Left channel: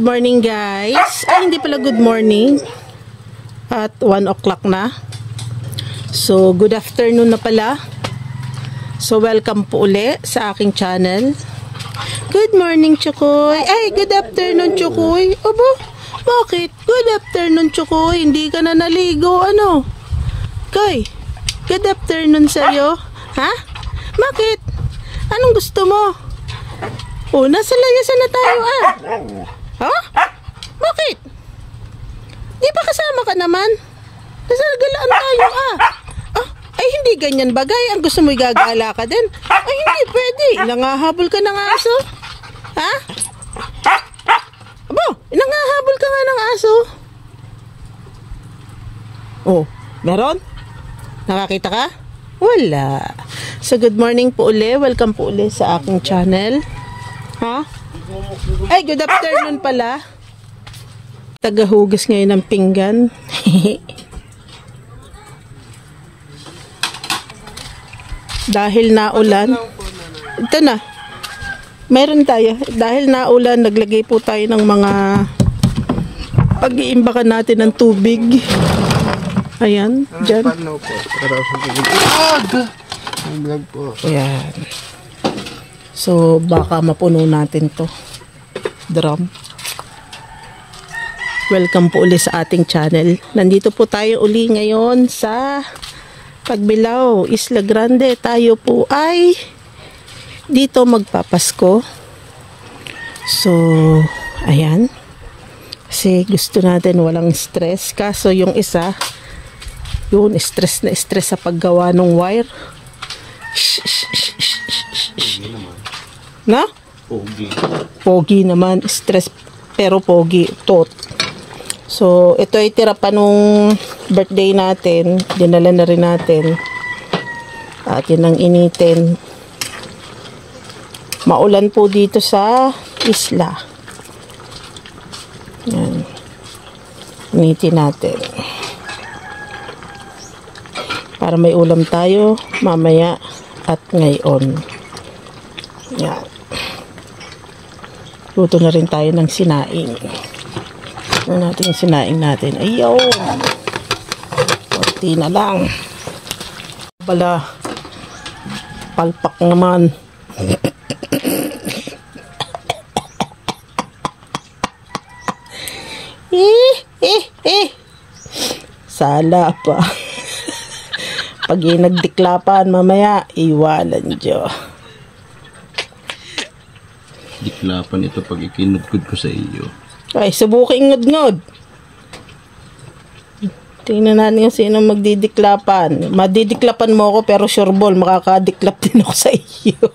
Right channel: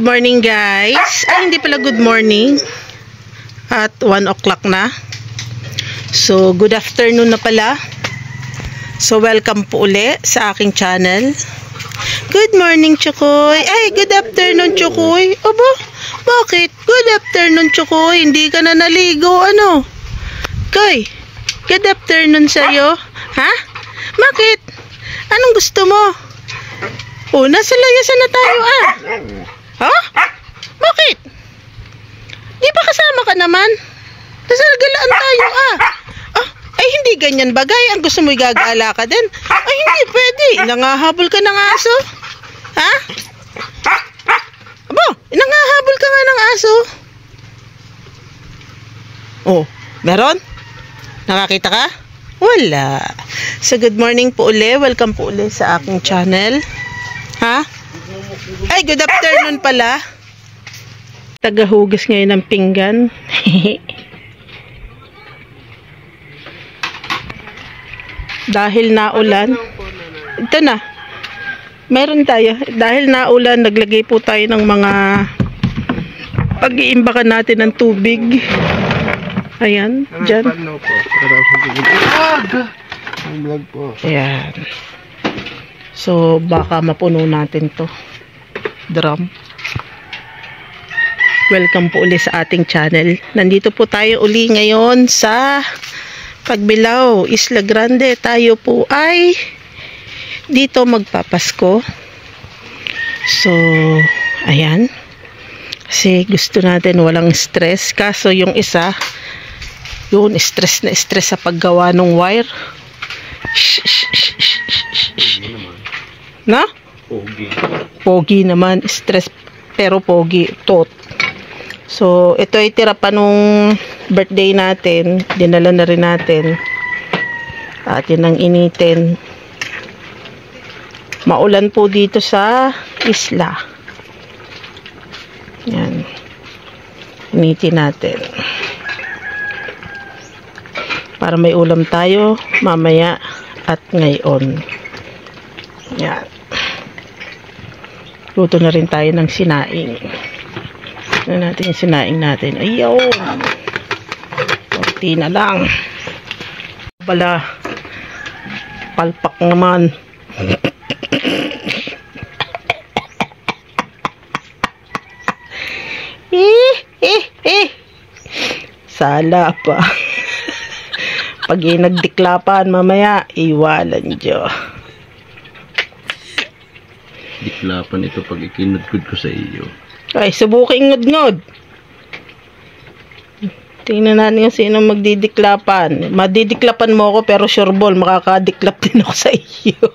good morning guys. Ay, hindi pala good morning. At 1 o'clock na. So, good afternoon na pala. So, welcome po uli sa aking channel. Good morning, Chukoy. Ay, good afternoon, Chukoy. Aba, bakit? Good afternoon, Chukoy. Hindi ka na naligo, ano? Koy, good afternoon sa'yo. Ha? Bakit? Anong gusto mo? Oh, nasa layasan na tayo, ah. Ha? Bakit? Di ba kasama ka naman? Nasa galaan tayo, ah. Ah, ay hindi ganyan bagay. Ang gusto mo igagala ka din. Ay hindi pwede. Nangahabol ka ng aso. Ha? Abo, nangahabol ka nga ng aso. Oh, meron? Nakakita ka? Wala. So good morning po uli. Welcome po uli sa aking channel. Ha? Ay, good afternoon pala. Tagahugas ngayon ng pinggan. Dahil naulan. Ito na. Meron tayo. Dahil naulan, naglagay po tayo ng mga pag-iimbakan natin ng tubig. Ayan, dyan. Ayan. So, baka mapuno natin to drum. Welcome po uli sa ating channel. Nandito po tayo uli ngayon sa Pagbilao, Isla Grande. Tayo po ay dito magpapasko. So, ayan. Kasi gusto natin walang stress. Kaso yung isa, yun, stress na stress sa paggawa ng wire. Na? Pogi. Pogi naman. Stress pero pogi. Tot. So, ito ay tira pa nung birthday natin. Dinala na rin natin. At yun ang initin. Maulan po dito sa isla. Yan. Initin natin. Para may ulam tayo mamaya at ngayon. Yan. Luto na rin tayo ng sinaing. Ano natin yung sinaing natin? Ayaw! Kunti na lang. Bala. Palpak naman. Sala pa. Pag nagdiklapan mamaya, iwalan Diyo. Diklapan ito pag ikinudkod ko sa iyo. Ay, subukin ngod-ngod. Tingnan natin yung sino magdidiklapan. Madidiklapan mo ako pero sure ball, makakadiklap din ako sa iyo.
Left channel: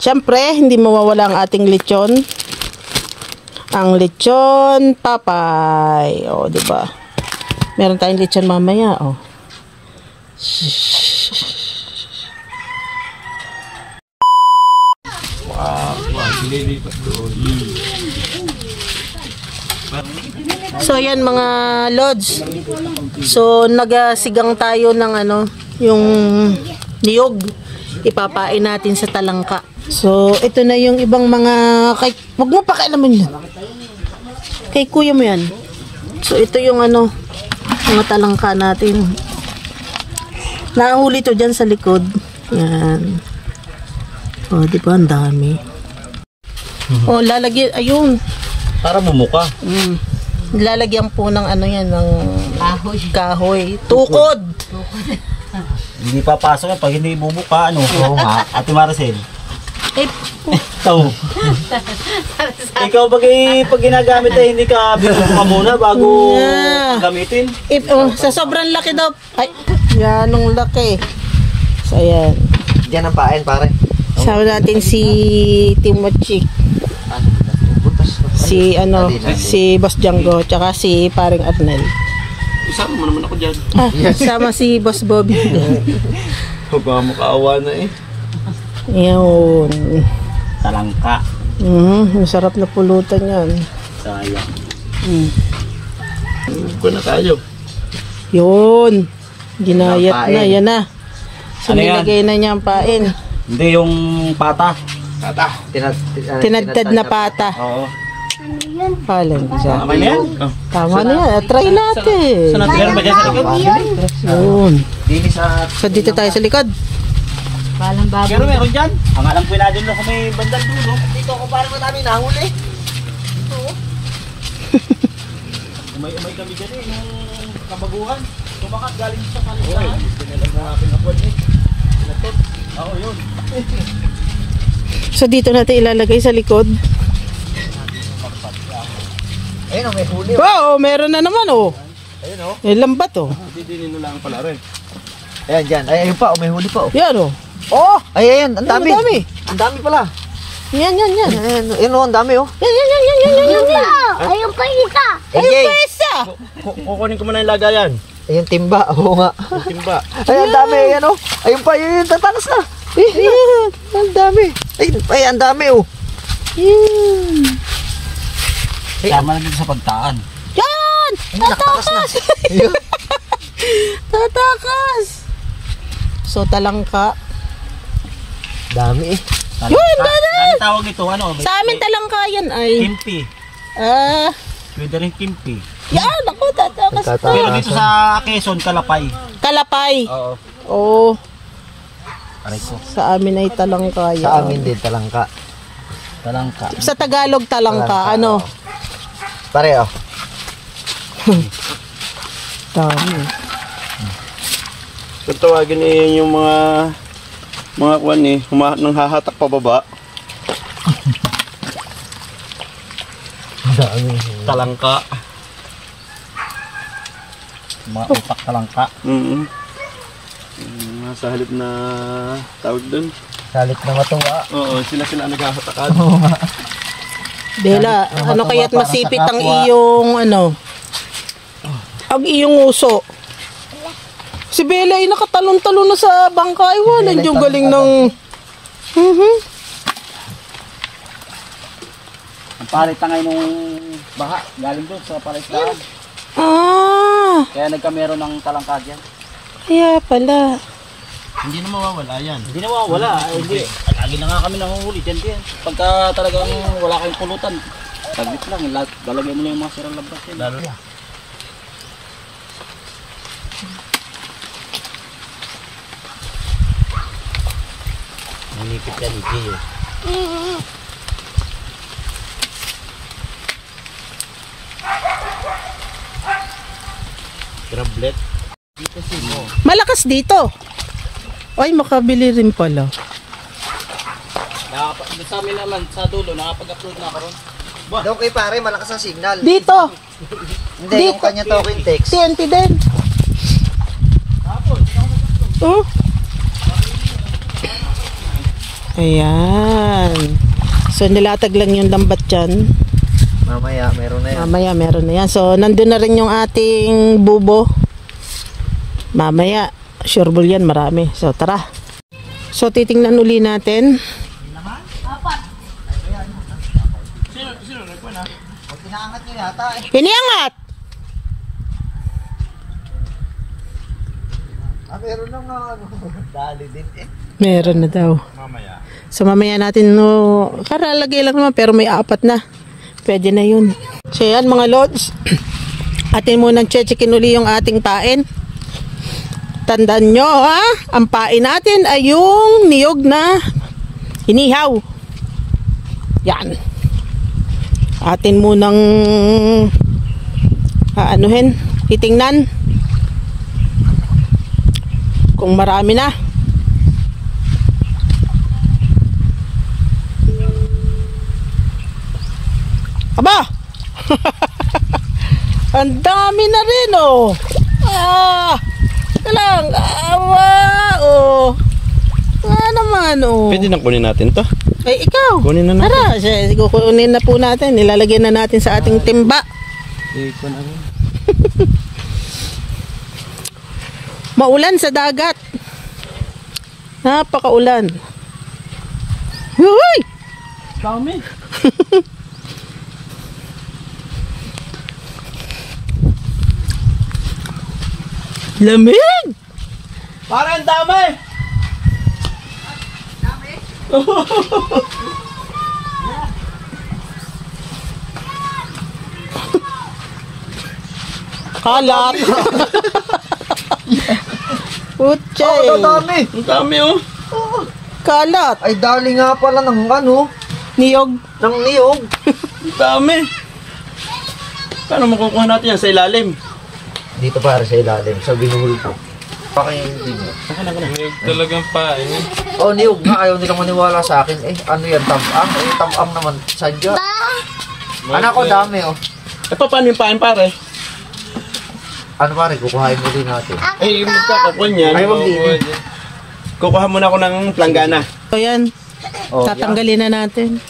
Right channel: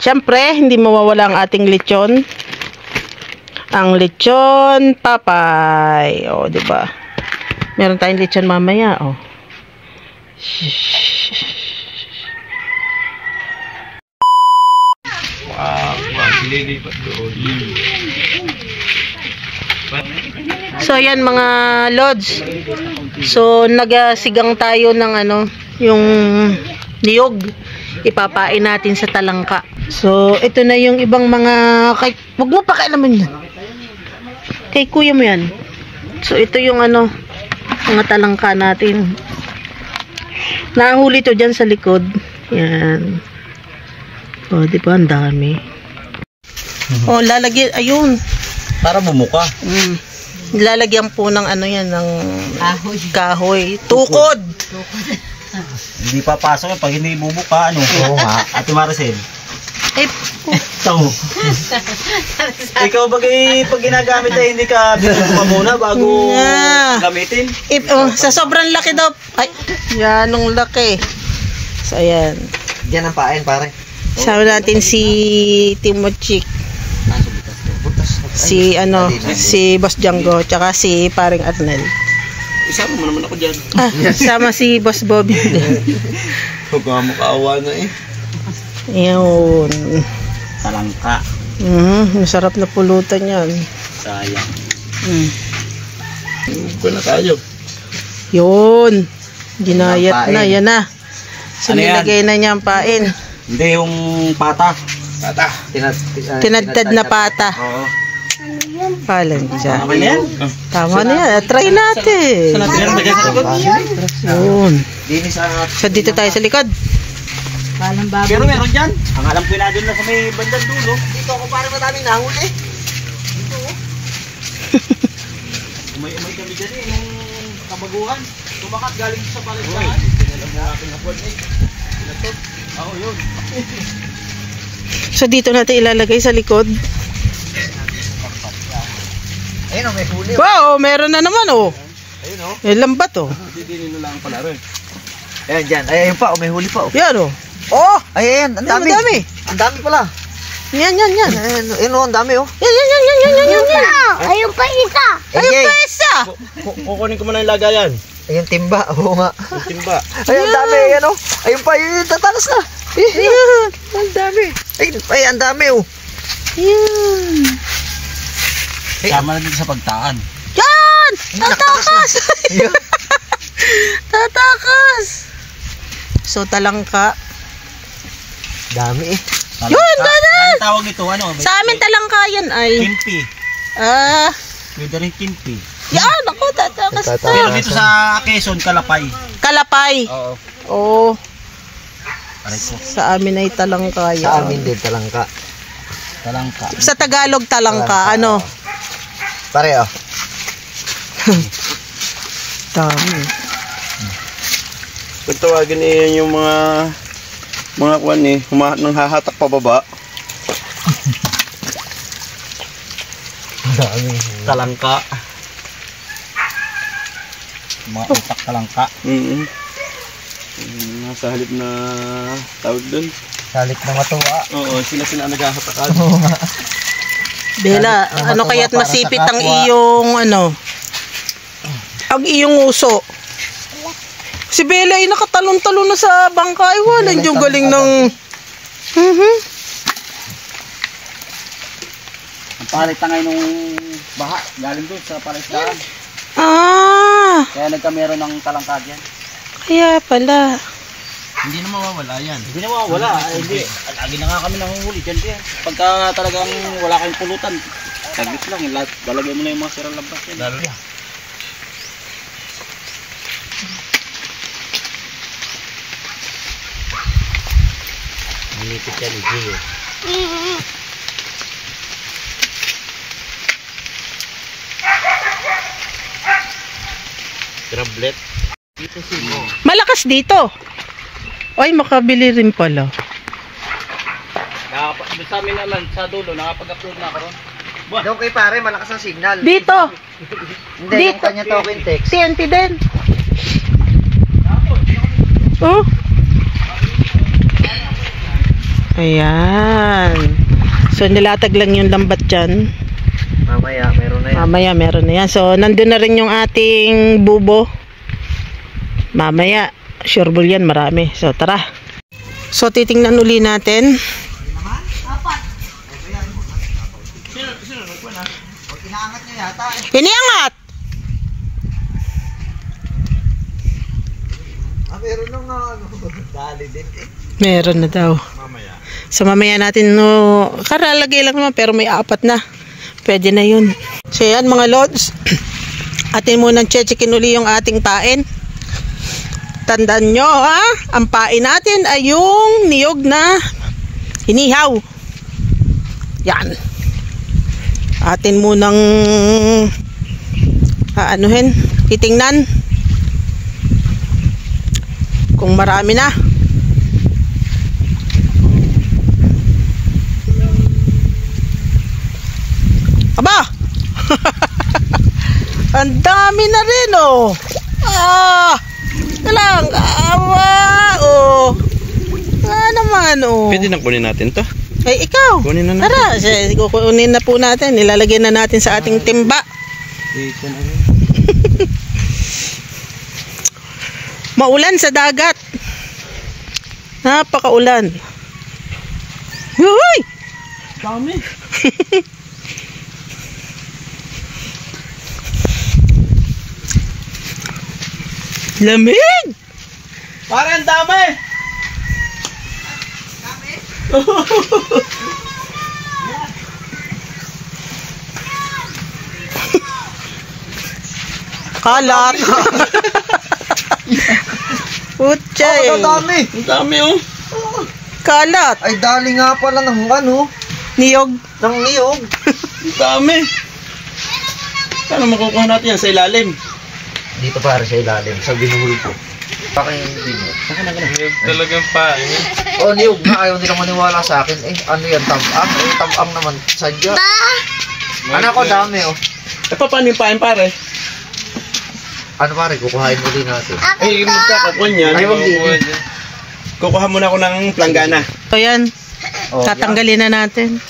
Siyempre, hindi mawawala ang ating lechon. Ang lechon papay. O, diba? Meron tayong lechon mamaya, o. So ayan mga lods. So nagasigang tayo ng ano, yung niyog. Ipapain natin sa talangka. So ito na yung ibang mga wag mo pakialaman yan. Kay kuya mo yan. So ito yung ano, mga talangka natin. Nahuli to dyan sa likod. Yan. Oh, di ba ang dami? Oh, lalagyan, ayun. Para bumuka. Lalagyan po ng ano yan, ng kahoy. Tukod! Hindi papasok yan pag hindi bumuka, ano? Oo nga. Ate Maricel. Eh, Ito. Ikaw pag ginagamit ay hindi ka binubuka muna bago gamitin? Sa sobrang laki daw. Ay, yan ang laki. So, ayan. Diyan ang pain, pare. Sama natin si Timochik. Si ano, si Boss Django, tsaka si Paring Arnel. Isama mo naman ako dyan. Ah, sama si Boss Bobby. Huwag ka makaawa na eh. Yun. Talangka. Masarap na pulutan yan. Sayang. Huwag ko na tayo. Yun. Ginayat na, yan na. So, Ano yan? nilagay na niya ang pain. Hindi yung pata. Tinadtad na pata. Oo. Palan dyan. Tama na yan. Tama na yan. Try natin. Meron ba dyan sa likod? Yun. Dini sa... So dito tayo sa likod. Pero meron dyan. Ang alam ko na dyan na sa may bandang dulo. Dito ako parang madaming nahuli. Dito oh. May kami dyan eh. Yung kabaguhan. Tumakat galing sa palisahan. Pinalag na aking hapon eh. Pinatot. Ako yun. So dito natin ilalagay sa likod. Ayun oh, may huli. Wow, meron na naman oh. Ayun oh. May lambat oh. Didinin na lang pala rin. Ayan dyan. Ayun pa oh, may huli pa oh. Yan oh. Oh! Ayan, ang dami. Ang dami. Ang dami pala. Yan. Ayun oh, ang dami oh. Yan. Ayun pa isa. Ayun pa isa. Kukunin ko muna yung lagayan. Ayun, timba. Oo nga. Yung timba. Ayun, ang dami. Ayan oh. Ayun pa, yun, tatakas na. Yan. Ang dami. Ay, ang dami oh. Yan. Sama na dito sa pagtaan. Yan! Tatakas! Tatakas! So, talangka. Dami eh. Yun, ganun! Ang tawag ito, ano? Sa amin talangka yan ay... Kimpi. Pwede rin kimpi. Yan! Ako, tatakas to. Pero dito sa Quezon, kalapay. Kalapay. Oo. Oo. Aray ko. Sa amin ay talangka yan. Sa amin din, talangka. Talangka. Sa Tagalog talangka, ano? Pareho. Dami. Kung tawagin niyo yung mga kuwan eh, nang hahatak pababa. Dami. Talangka. Mga utak talangka. Sa halip na tawag dun. Salit na matuwa. Oo, sila ang naghahatakan. Bella, ano kaya't masipit ang iyong ano? Ang iyong uso. Si Bella ay nakatalon-talon na sa bangka. Ay, wala yung galing ng... Ang palit na ngayon nung baha. Galing doon sa palisahan. Ah, Kaya nagkameron ng talangka dyan. kaya pala. Hindi na mawawala yan. Hindi na mawawala. Hindi. Lagi na nga kami nanguhuli dyan din. Pagka talagang wala kayong pulutan, saglit lang. Dalagay mo na yung mga sirang labas. Dami. Manipit yan, Gio. Grablet. Malakas dito. Ay, makabili rin pala. Sa amin naman, sa dulo, nakapag-upload na ako ron. Doon kay pare, malakas ang signal. Dito. Hindi, yung dito. kanya talking text. TNT din. Oh. Ayan. So, nilatag lang yung lambat dyan. Mamaya, meron na yan. Mamaya, meron na yan. So, nandun na rin yung ating bubo. Mamaya, sureball yan, marami. So, tara. So, titingnan uli natin. Inaangat niya yata. Iniangat! Meron na nga ano. Dali din eh. Meron na daw. Mamaya. So, mamaya natin, no, karalagay lang naman, pero may 4 na. Pwede na yun. So, yan mga lods. Atin munang chechikin uli yung ating pain. Tandaan nyo, ha? Ang pain natin ay yung niyog na inihaw. Yan. Atin munang anuhin, titingnan kung marami na. Aba! Ang dami na rin, oh. Lang, awa, oh. Naman, oh. Pwede nang kunin natin to. Ay, ikaw. Kunin na natin. Tara, kukunin na po natin. Nilalagyan na natin sa ating timba. Maulan sa dagat. Napakaulan. Uy! Dami. Lamig! Parang dami. Kalat. Putya eh. Ang dami. Ang dami oh. Kalat. Ay, dali nga pala ng ano, Niyog. ng niyog. Ang dami. Paano makukuha natin yan sa ilalim? Dito para sa ilalim, sa binuhol ko. Pakinggan nyo. Niyog talagang pa. Oh, niyog na. Ayaw nilang maniwala sa akin. Eh, ano yan? Tabang? Eh, tabang naman. Sadya. Anak ko, dami oh. Eh, paano yung pain pare? Ano pare, kukuhain mo din natin. Eh, magkakakuan yan. Ay, wag din. Kukuha muna ako ng planggana. So yan. Oh, Tatanggalin na natin.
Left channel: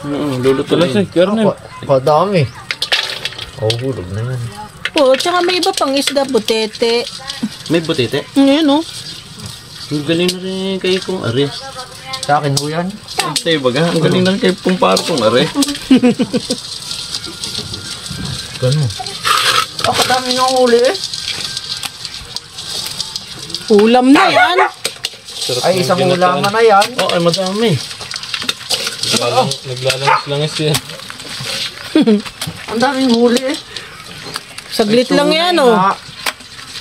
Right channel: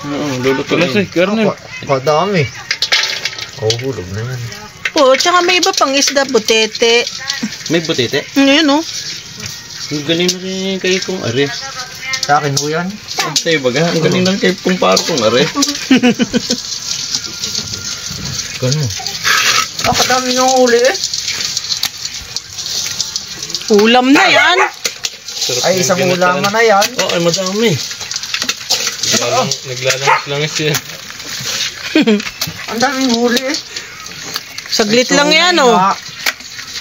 Oo, luluto Wala na sa yun. karne. Kadami. Oh, hulog na yan. Po, tsaka may iba pang isda, butete. May butete. Ngayon oh. Ang galing na rin kayo kung are. Sa akin ho yan. Ang sa'yo baga, ang galing na rin kayo kung paro kung are. Ganun. Ah, kadami nga uli eh. Ulam na yan. Ay, isang ulaman na yan. Oo, ay madami. Naglalangis yan. Ang daming huli eh. Saglit lang yan oh.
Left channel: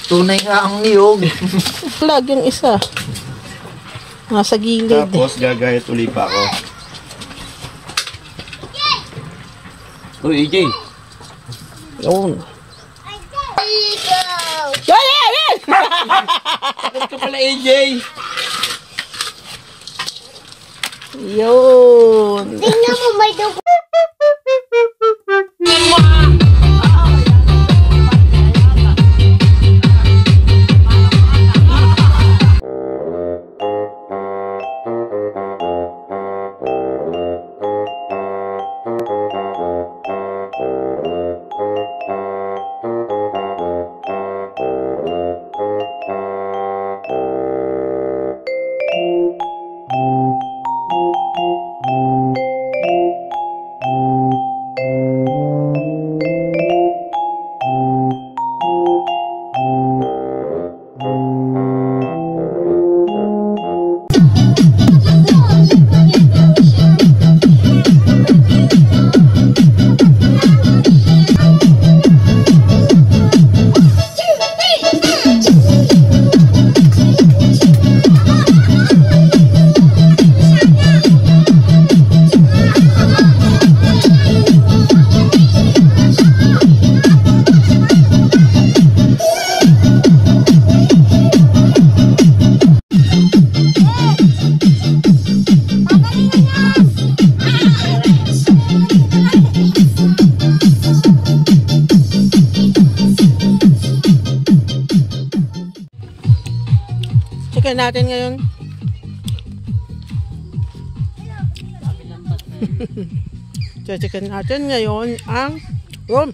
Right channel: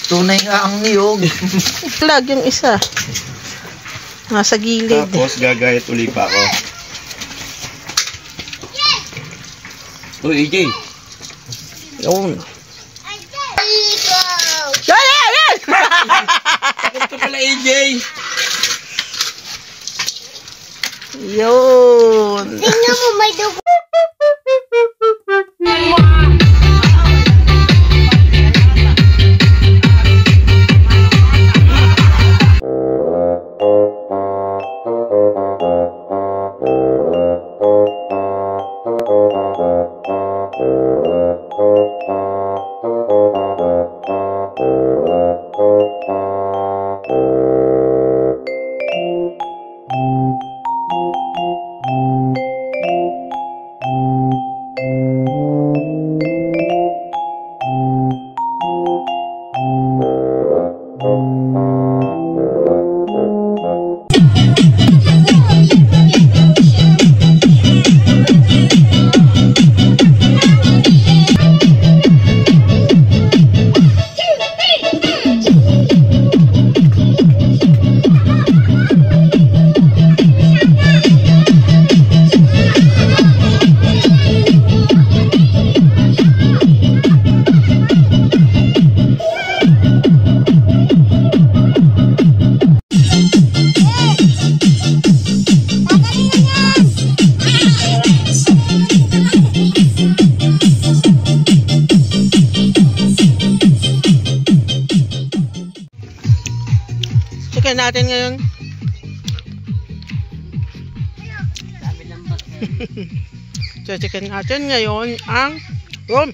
Tunay nga ang niyog. Flag yung isa. Nasa gilid. Tapos gagayat uli pa ako. Uy, EJ. Yun. Yan, yan, yan! Ito pala EJ. Yun. Tingnan mo, may dugo. Chicken natin ngayon. So, chicken natin ngayon ang rom.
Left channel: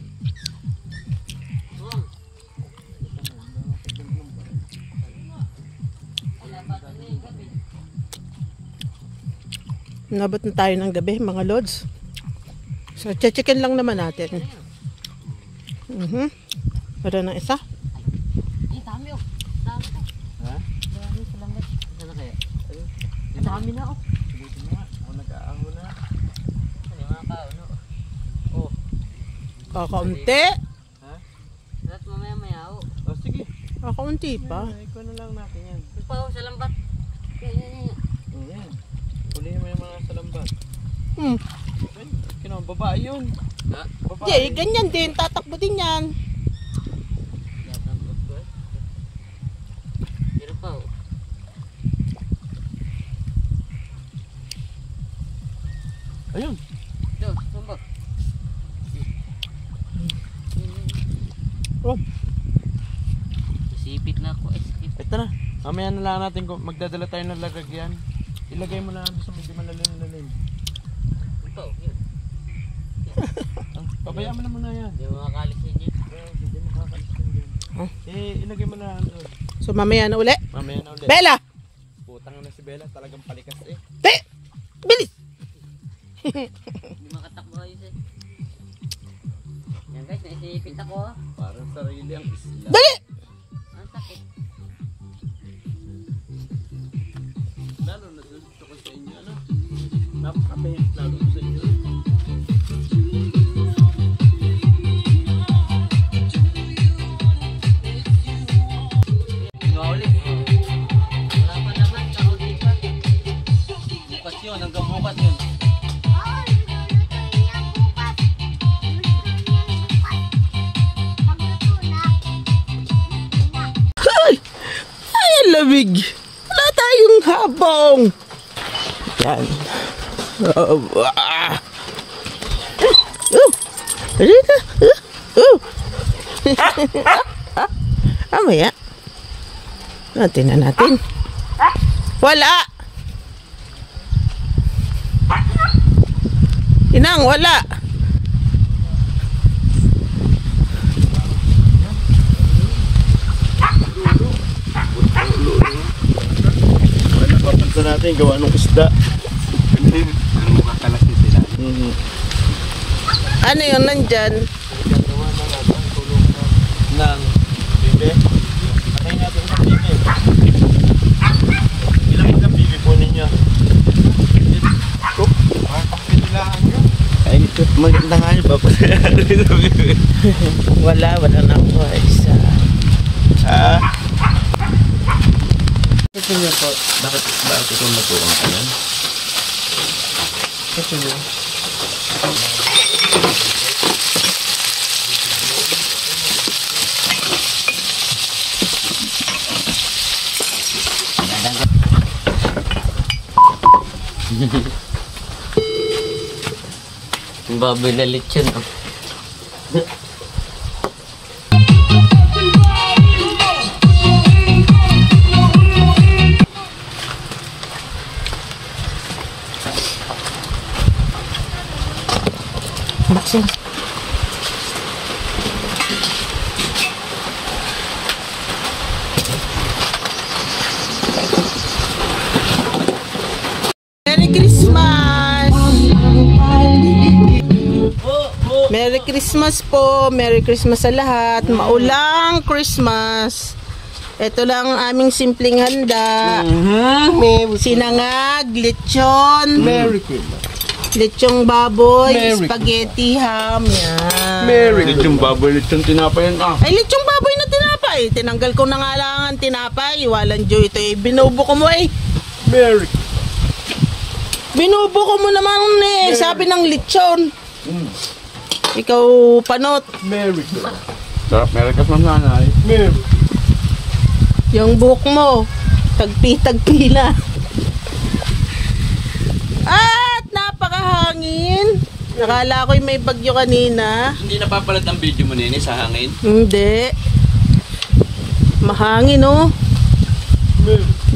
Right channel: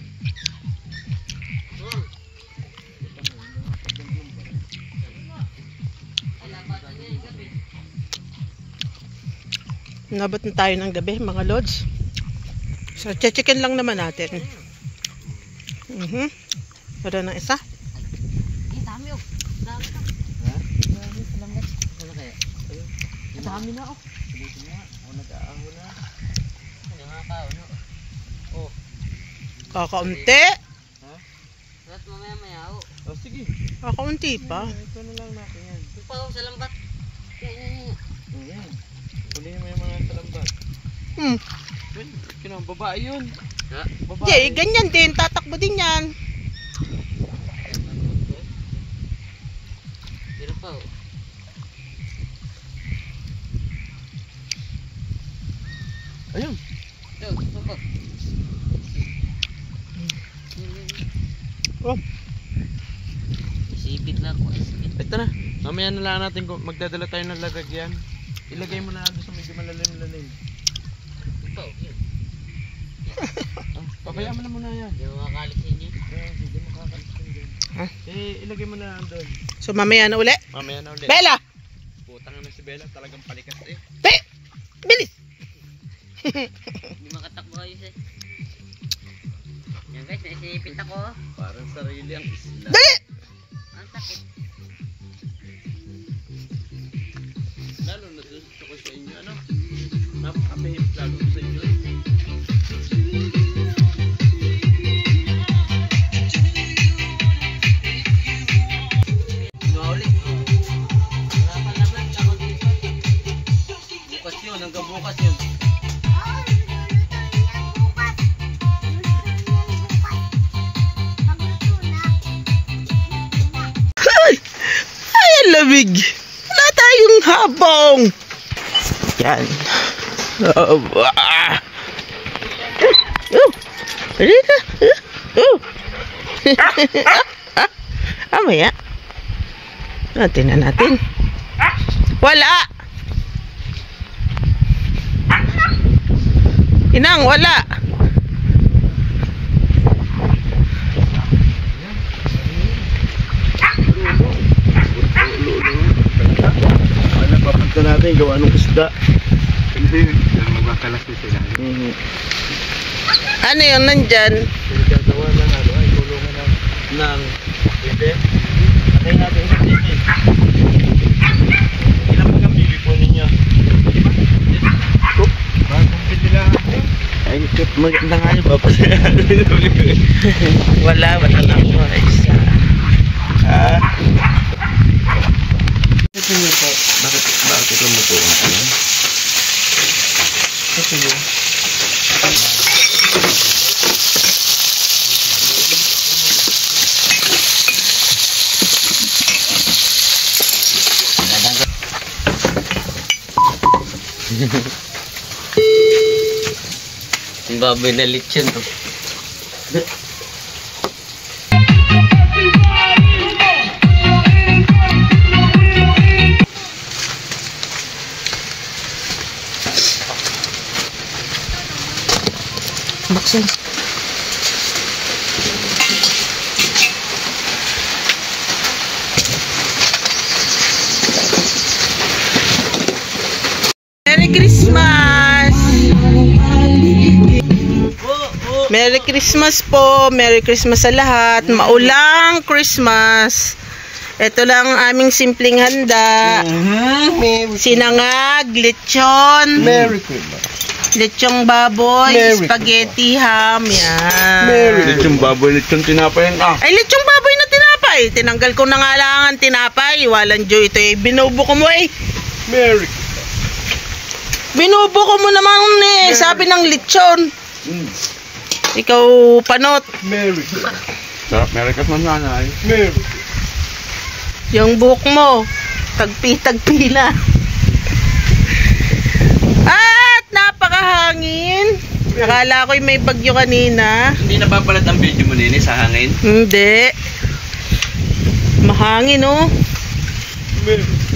Nabot na tayo ng gabi, mga lods. So, chicken lang naman natin. Wala na isa. Dami na oh. Kakaunti. Oh, sige. Kakaunti pa. Ito na lang natin yan. Sa lambat. Ayan. Hulihin mo yung mga salambat. Babae yun. Babae. Jay, ganyan din. Tatakbo din yan. Ayun. Oh. Sipit na ako. Ito na. Mamaya na lang natin kung magdadala tayo ng lalagyan. Ilagay mo na doon sa medyo malalim-lalim. Oh, pabayaan mo na muna yan. Yung mga kalisin niyo. Hindi makakalisin din. Ilagay mo na doon. So, mamaya na uli. Mamaya na ulit. Bella! Putang na si Bella. Talagang palikas eh. Bilis! Hindi makatakbo kayo siya. Yan guys, naisipit ako. Parang sarili ang isla. Dali! Ang sakit. Lalo na doon ko sa inyo. Ano? Napakapahit lalo ko sa inyo. lamig. Wala tayong habong. Yan. Halika. Amaya. Tingnan natin. Wala. Inang, wala. Ano papunta natin gawa ng isda. Ano yun nandyan? Nang pwede. Atayin natin sa TV. Ilang magkabili po ninyo? Ay, maganda nga nyo ba? Wala lang po. Isa. Ito nyo po. Bakit ito matuong kayo? Ito nyo. Ang baboy na lechon. Buksan. Merry Christmas! Merry Christmas po! Merry Christmas sa lahat! Maulang Christmas! Ito lang ang aming simpleng handa. Sinangag, lechon. Merry Christmas. Lechong baboy, spaghetti, ham, yan. Lechong baboy, lechong tinapay ka. Ay, lechong baboy na tinapay. Tinanggal ko na nga lang ang tinapay. Walang joy ito eh. Binubo ko mo eh. Merry. Binubo ko mo naman eh. Sabi ng lechon. Ikaw, panot. Merry. Sarap, Merry Christmas nanay. Merry. Yung buhok mo, tagpi-tagpi na. At napakahangin. Nakala ko'y may bagyo kanina. Hindi napapalat ang video mo nini sa hangin? Hindi. Mahangin oh.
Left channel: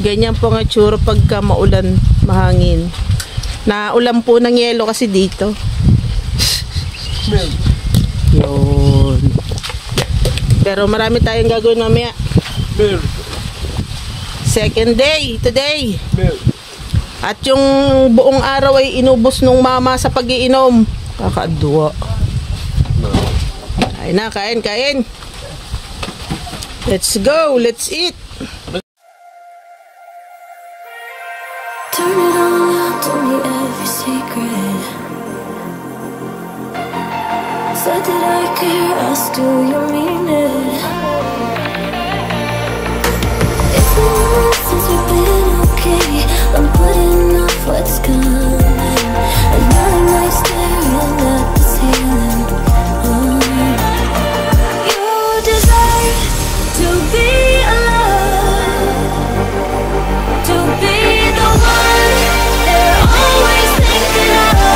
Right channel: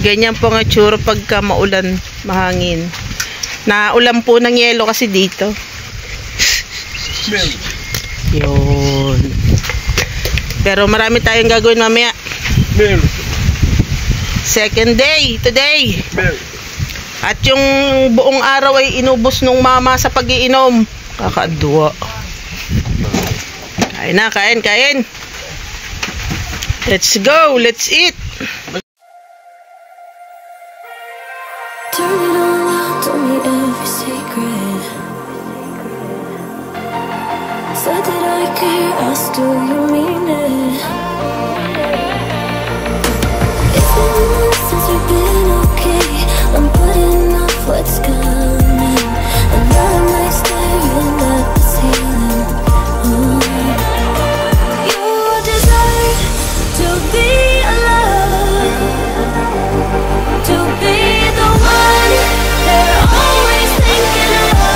Ganyan po nga tsura pagka maulan, mahangin. Naulan po ng yelo kasi dito. Yun. Pero marami tayong gagawin mamaya. Second day, today. At yung buong araw ay inubos nung mama sa pag-iinom. Kakadwa. Kain na, kain. Let's go, let's eat. Turn it all out, told me every secret. Said that I care, asked do you mean it? It's been months since we've been okay. I'm putting off what's coming. Another night staring at the ceiling. You deserve to be alone, to be the one they're always thinking of.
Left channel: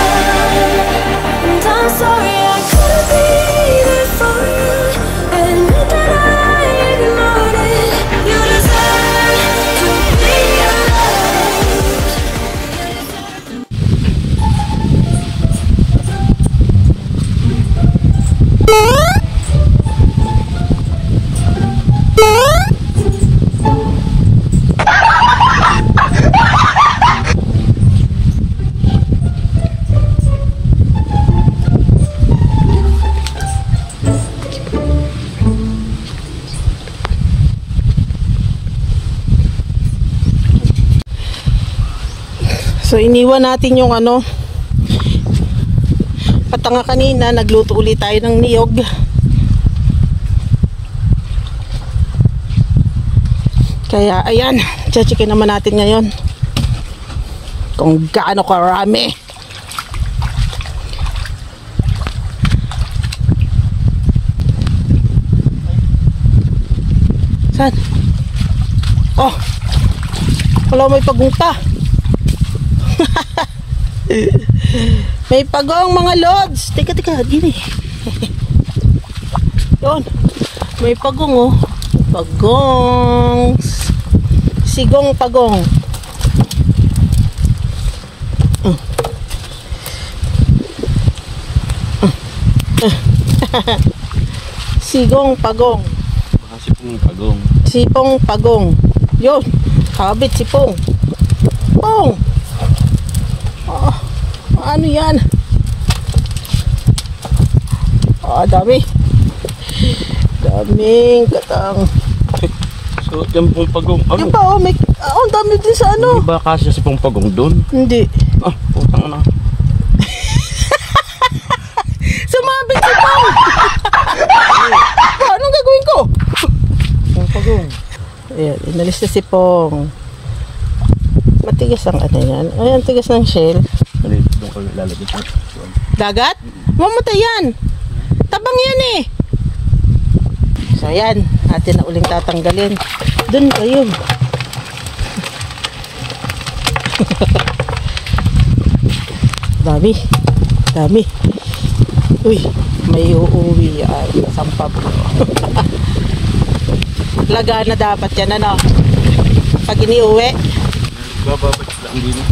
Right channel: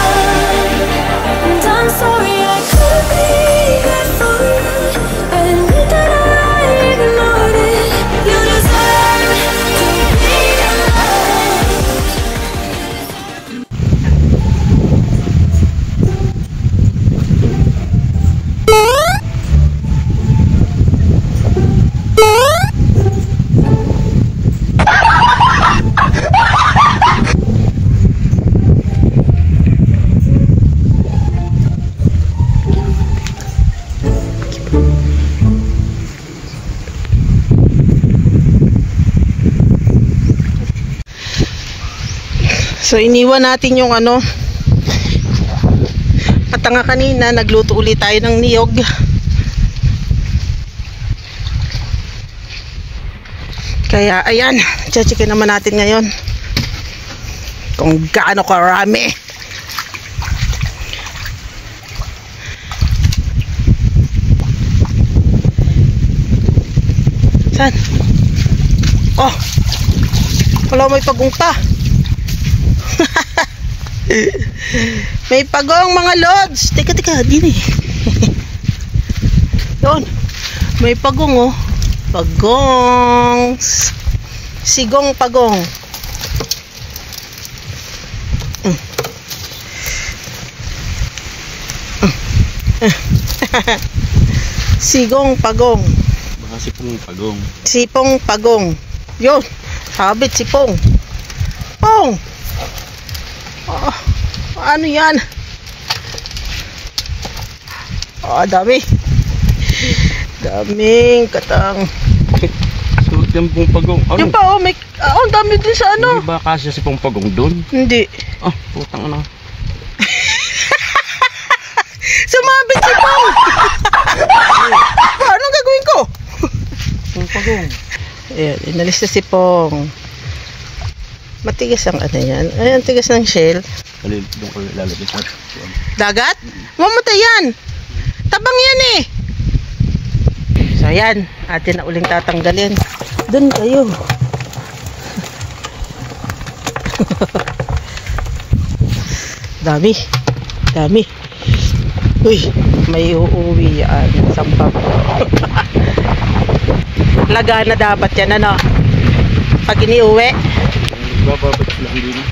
And I'm sorry I couldn't be there for you. Admit that I ignored it. You deserve to be alone. So iniwan natin yung ano, patanga kanina, nagluto ulit tayo ng niyog. Kaya ayan, checkin naman natin ngayon kung gaano karami. Saan? Oh, Wala, may pagong pa. May pagong mga lods. Teka, din eh. Yun. May pagong oh. Pagong. Sigong pagong. Sigong pagong. Baka sipong pagong. Sipong pagong. Yun. Sabit sipong. Pong. Oh, ano yan? Oh, dami. Daming katang. So, yung pong pagong. Ano? Yung pa, oh, may, ang dami din sa ano. Hindi ba kasi sipong pagong doon? Hindi. Ah, putang ano. Sumabit si Pong. Anong gagawin ko? Sipong pagong. Ayan, inalis na si Pong. Matigas ang ano yan. Ayan, tigas ng shell. Dali, doon ko lalagay ko. Dagat? Mamatay yan. Tabang yan eh. So ayan, atin na uling tatanggalin. Doon kayo. Dami. Uy, may uuwi yan. Sampap. Laga na dapat yan, ano? Pag iniuwi. Bababat sila ang dini.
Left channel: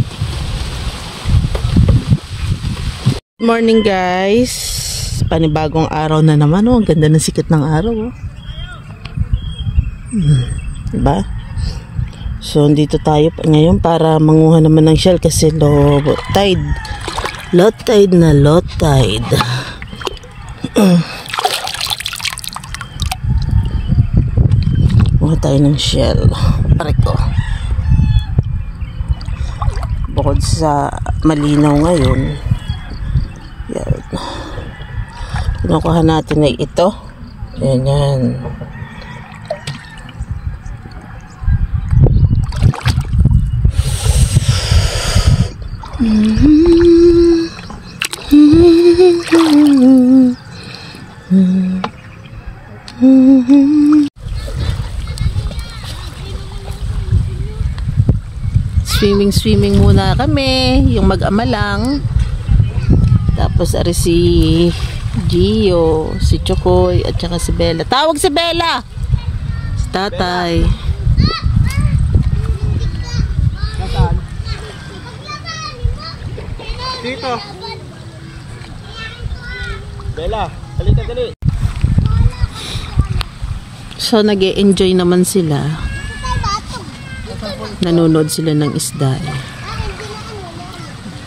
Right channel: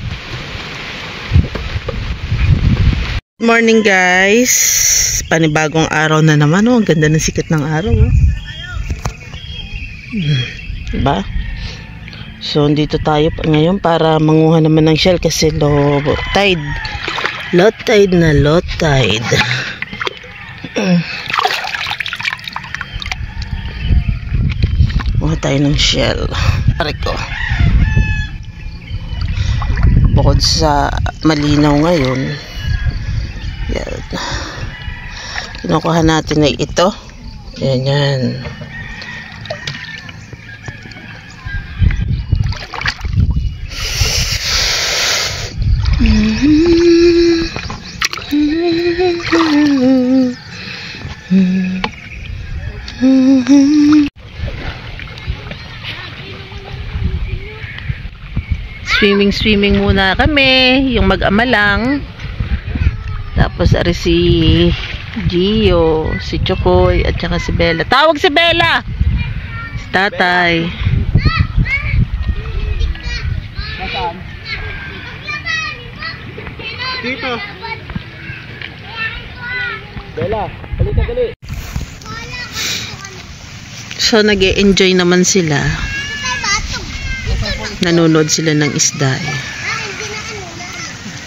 Good morning guys. Panibagong araw na naman. Oh, ang ganda ng sikat ng araw. Oh. Diba? So, dito tayo ngayon para manguha naman ng shell kasi low tide. Low tide na low tide. Manguha tayo ng shell. Pare ko. Bukod sa malinaw ngayon, yan. Kinukuha natin ay ito. Yan. Swimming muna kami, yung mag-ama lang. Tapos ari si Gio, si Chokoy at saka si Bella. Tawag si Bella. Si Tatay. Nasaan? Dito. Bella, balik ka dali. So nag-e-enjoy naman sila. Nanonood sila ng isda eh.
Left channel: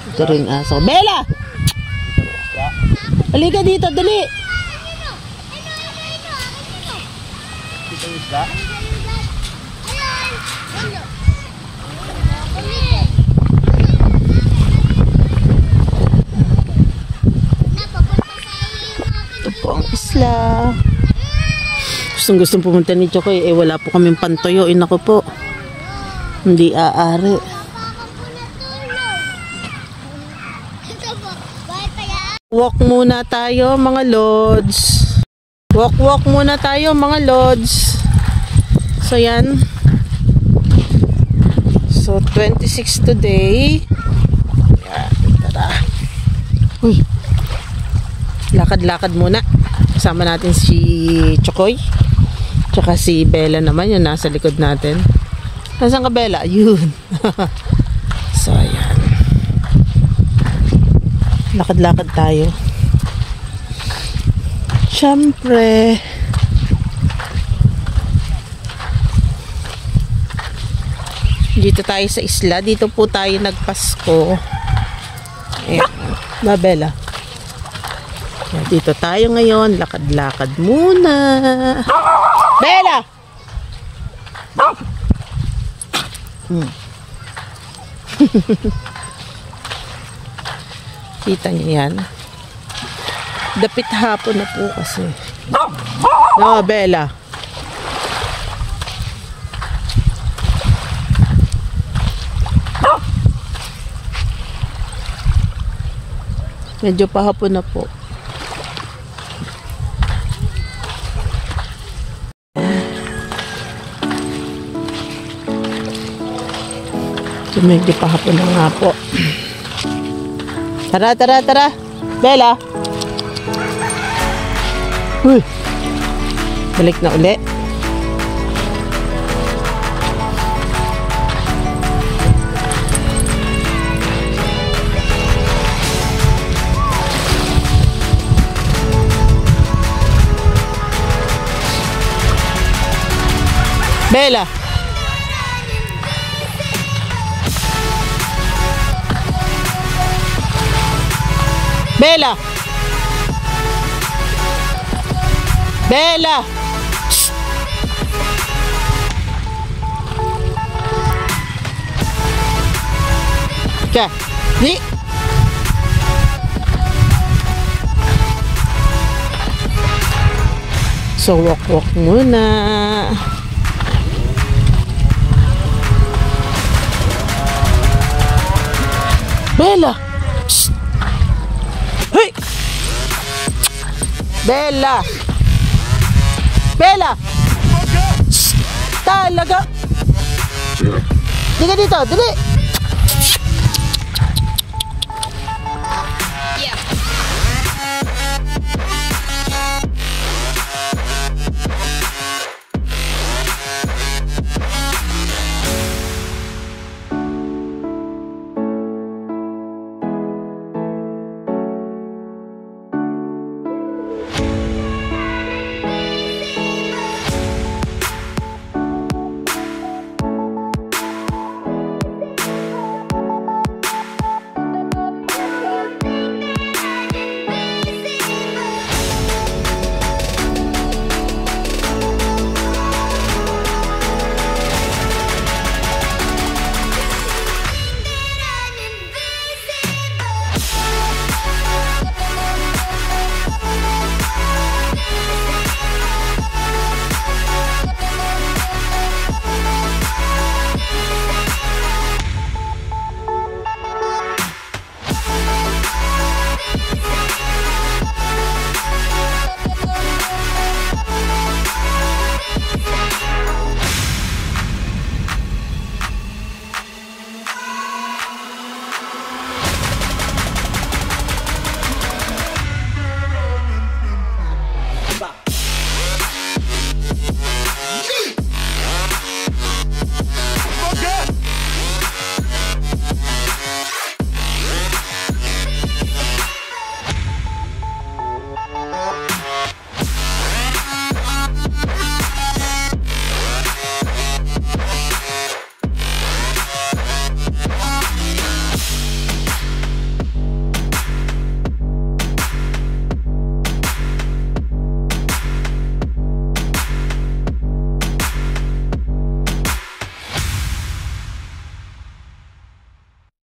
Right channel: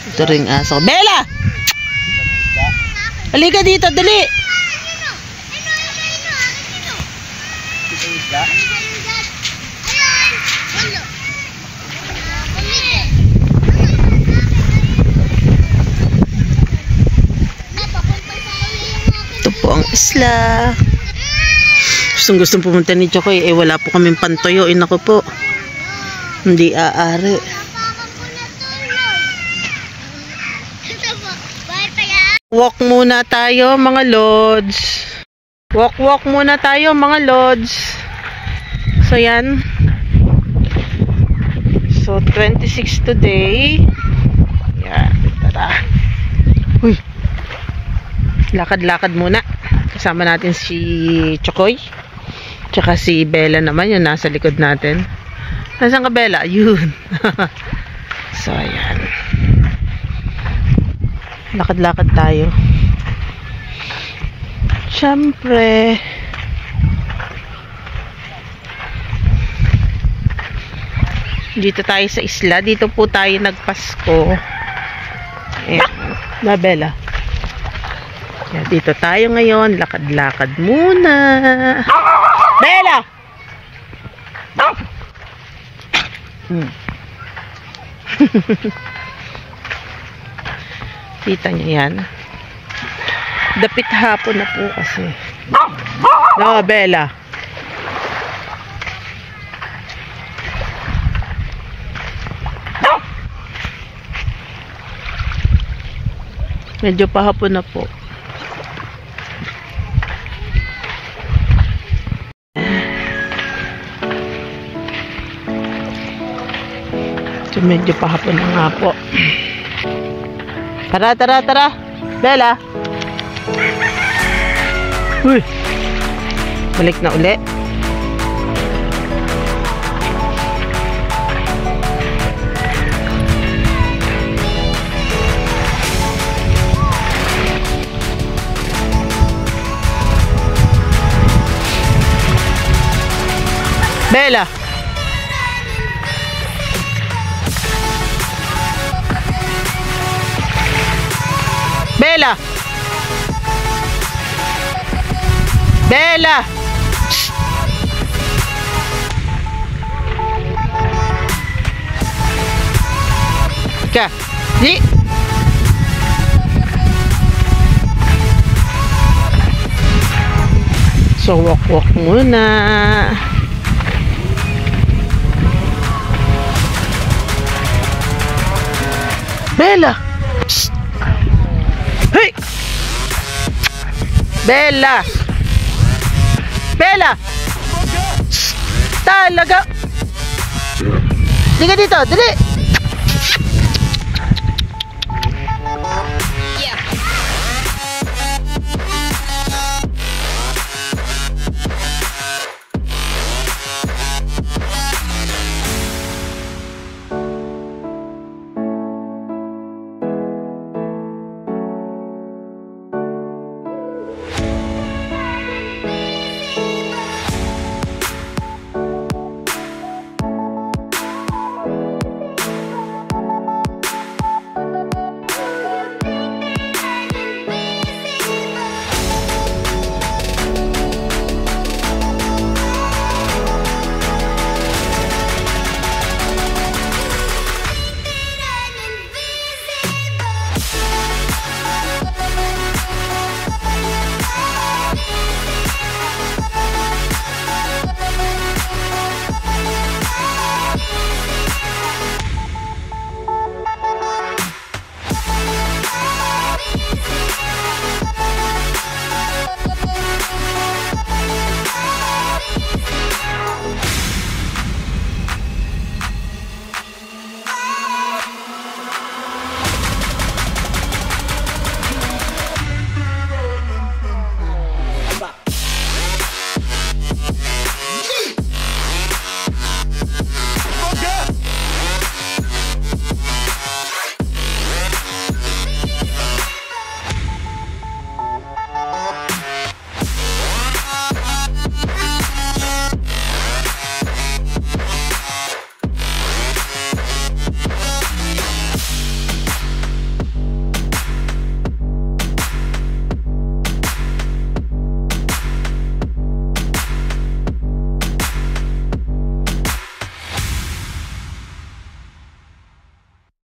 Ito ring aso. Bella! Halika dito, dali! Dito isda. Ito po ang isla. Gustong pumunta ni Chokoy. Eh wala po kaming pantoyo. Inako po. Hindi aari. Walk muna tayo mga lods. Walk muna tayo mga lods. So yan. So 26 today. Yan. Tara. Uy. Lakad-lakad muna. Kasama natin si Chokoy. Tsaka si Bella naman. Yung nasa likod natin. Nasaan ka, Bella? Yun. So, ayan. Lakad-lakad tayo. Siyempre. Dito tayo sa isla. Dito po tayo nagpasko. Ayan. Na, Bella. Ayan, dito tayo ngayon. Lakad-lakad muna. Bella! Kita niyo yan. Dapit hapon na po kasi. No, Bella. Medyo pahapon na po. So, medyo pahapon na nga po. Tara, tara, tara. Bella. Uy. Balik na uli. Bella. Bella. Bella. Shh. Ka. Di. So walk muna. Bella. Psst. Hey. Bella. Bella. Psst. Talaga. Dito dito, dali.